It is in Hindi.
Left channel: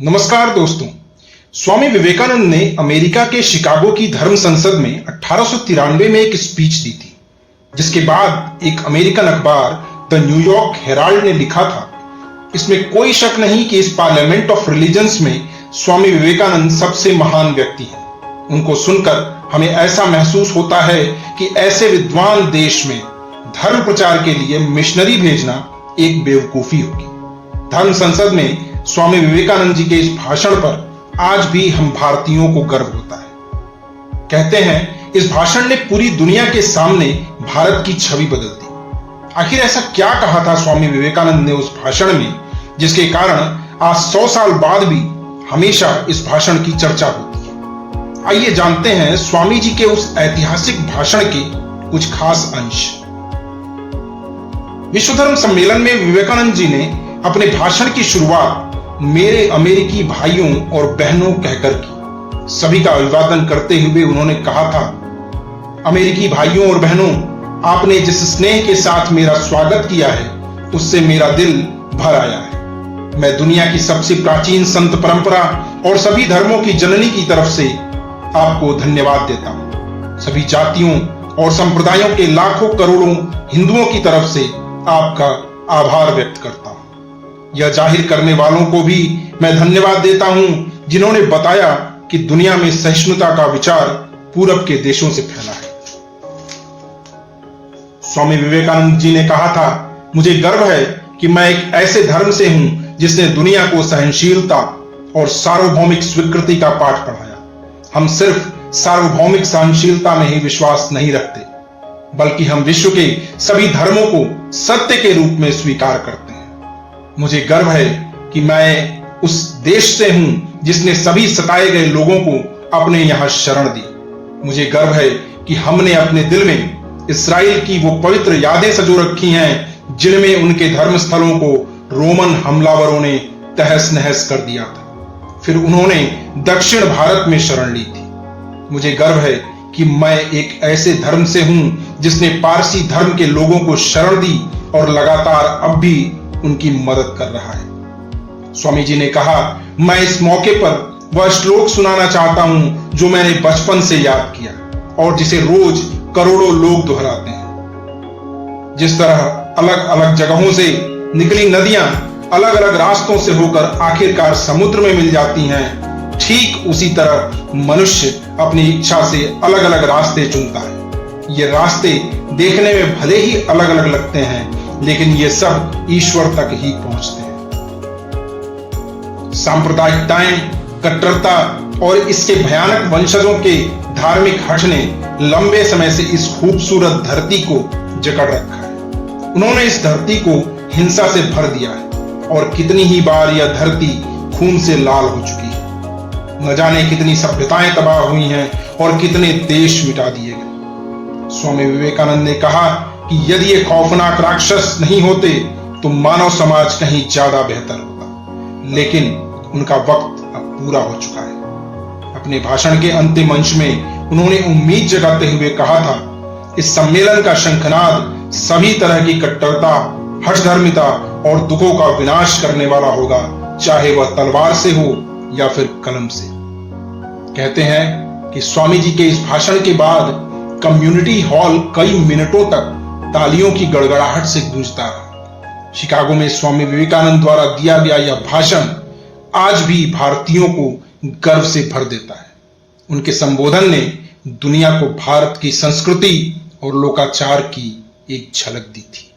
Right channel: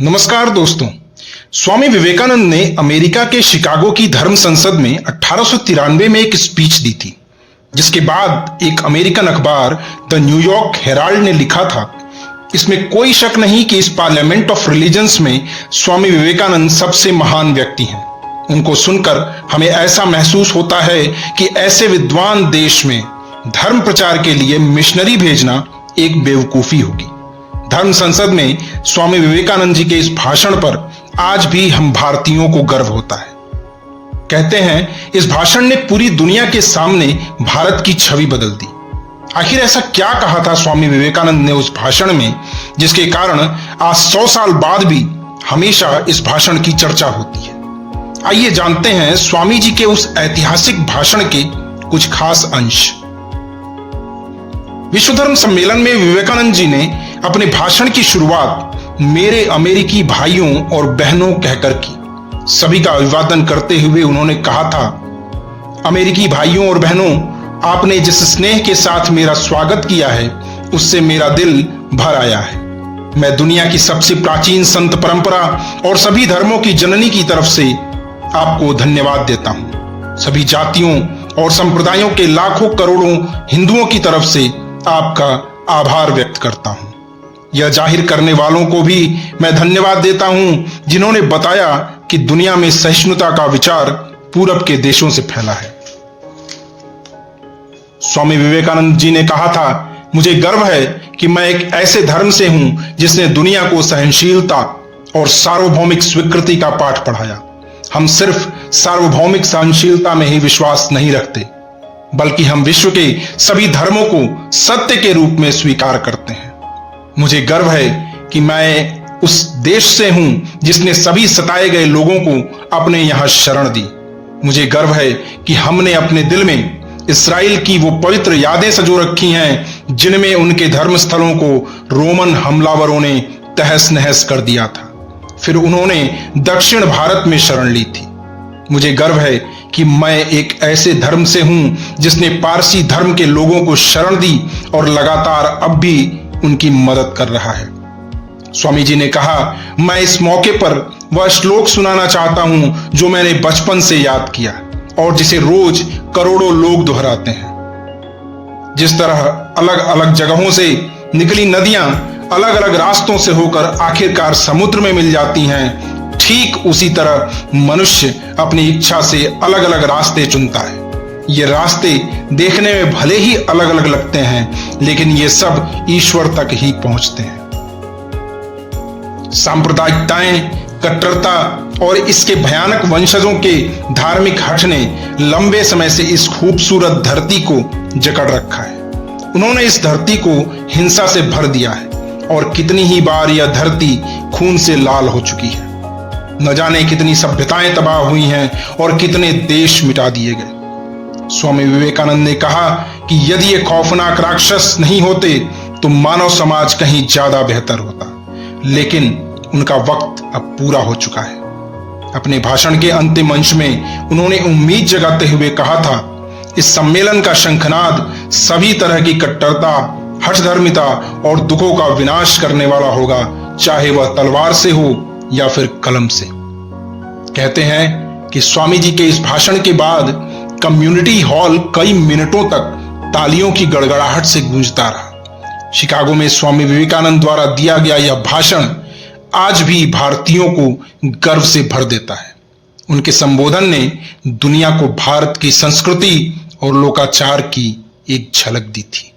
नमस्कार दोस्तों। स्वामी विवेकानंद ने अमेरिका के शिकागो की धर्म संसद में 1893 में एक स्पीच दी थी, जिसके बाद एक अमेरिकन अखबार द न्यूयॉर्क हेराल्ड ने लिखा था, इसमें कोई शक नहीं कि इस पार्लियामेंट ऑफ रिलीजन्स में स्वामी विवेकानंद सबसे महान व्यक्ति हैं। उनको सुनकर हमें ऐसा महसूस होता है कि ऐसे विद्वान देश में धर्म प्रचार के लिए मिशनरी भेजना एक बेवकूफी होगी। धर्म संसद में स्वामी विवेकानंद जी के इस भाषण पर आज भी हम भारतीयों को गर्व होता है। कहते हैं इस भाषण ने पूरी दुनिया के सामने भारत की छवि बदल दी। आखिर ऐसा क्या कहा था स्वामी विवेकानंद ने उस भाषण में, जिसके कारण आज 100 साल बाद भी हमेशा इस भाषण की चर्चा होती है। आइए जानते हैं स्वामी जी के उस ऐतिहासिक भाषण के कुछ खास अंश। विश्व धर्म सम्मेलन में विवेकानंद जी ने अपने भाषण की शुरुआत मेरे अमेरिकी भाइयों और बहनों कहकर की। सभी का अभिवादन करते हुए उन्होंने कहा था, अमेरिकी भाइयों और बहनों, आपने जिस स्नेह के साथ मेरा स्वागत किया है उससे मेरा दिल भर आया है। मैं दुनिया की सबसे प्राचीन संत परंपरा और सभी धर्मों की जननी की तरफ से आपको धन्यवाद देता हूं। सभी जातियों और संप्रदायों के लाखों करोड़ों हिंदुओं की तरफ से आपका आभार व्यक्त करता हूं। यह जाहिर करने वालों को भी मैं धन्यवाद देता हूं जिन्होंने बताया कि दुनिया में सहिष्णुता का विचार पूरब के देशों से फैला है। स्वामी विवेकानंद जी ने कहा था, मुझे गर्व है कि मैं एक ऐसे धर्म से हूं जिसने दुनिया को सहनशीलता और सार्वभौमिक स्वीकृति का पाठ पढ़ाया। हम सिर्फ सार्वभौमिक सहनशीलता में ही विश्वास नहीं रखते, बल्कि हम विश्व के सभी धर्मों को सत्य के रूप में स्वीकार करते हैं। मुझे गर्व है कि मैं उस देश से हूं जिसने सभी सताए गए लोगों को अपने यहां शरण दी। मुझे गर्व है कि हमने अपने दिल में इस्राएल की वो पवित्र यादें संजो रखी हैं जिनमें उनके धर्म स्थलों को रोमन हमलावरों ने तहस नहस कर दिया था, फिर उन्होंने दक्षिण भारत में शरण ली थी। मुझे गर्व है कि मैं एक ऐसे धर्म से हूं जिसने पारसी धर्म के लोगों को शरण दी और लगातार अब भी उनकी मदद कर रहा है। स्वामी जी ने कहा, मैं इस मौके पर वह श्लोक सुनाना चाहता हूं जो मैंने बचपन से याद किया और जिसे रोज करोड़ों लोग दोहराते हैं। जिस तरह अलग अलग जगहों से निकली नदियां अलग अलग रास्तों से होकर आखिरकार समुद्र में मिल जाती हैं, ठीक उसी तरह मनुष्य अपनी इच्छा से अलग अलग रास्ते चुनता है। ये रास्ते देखने में भले ही अलग अलग लगते हैं, लेकिन ये सब ईश्वर तक ही पहुंचते हैं। सांप्रदायिकताएं, कट्टरता और इसके भयानक वंशजों के धार्मिक हठ ने लंबे समय से इस खूबसूरत धरती को जकड़ रखा है। उन्होंने इस धरती को हिंसा से भर दिया है और कितनी ही बार यह धरती खून से लाल हो चुकी है। न जाने कितनी सभ्यताएं तबाह हुई हैं और कितने देश मिटा दिए गए। स्वामी विवेकानंद ने कहा कि यदि ये खौफनाक राक्षस नहीं होते तो मानव समाज कहीं ज्यादा बेहतर होता, लेकिन उनका वक्त अब पूरा हो चुका है। अपने भाषण के अंतिम अंश में उन्होंने उम्मीद जगाते हुए कहा था, इस सम्मेलन का शंखनाद सभी तरह की कट्टरता, हठधर्मिता और दुखों का विनाश करने वाला होगा, चाहे वह तलवार से हो या फिर कलम से। कहते हैं कि स्वामी जी के इस भाषण के बाद कम्युनिटी हॉल कई मिनटों तक तालियों की गड़गड़ाहट से गूंजता रहा। शिकागो में स्वामी विवेकानंद द्वारा दिया गया यह भाषण आज भी भारतीयों को गर्व से भर देता है। उनके संबोधन ने दुनिया को भारत की संस्कृति और लोकाचार की एक झलक दी थी।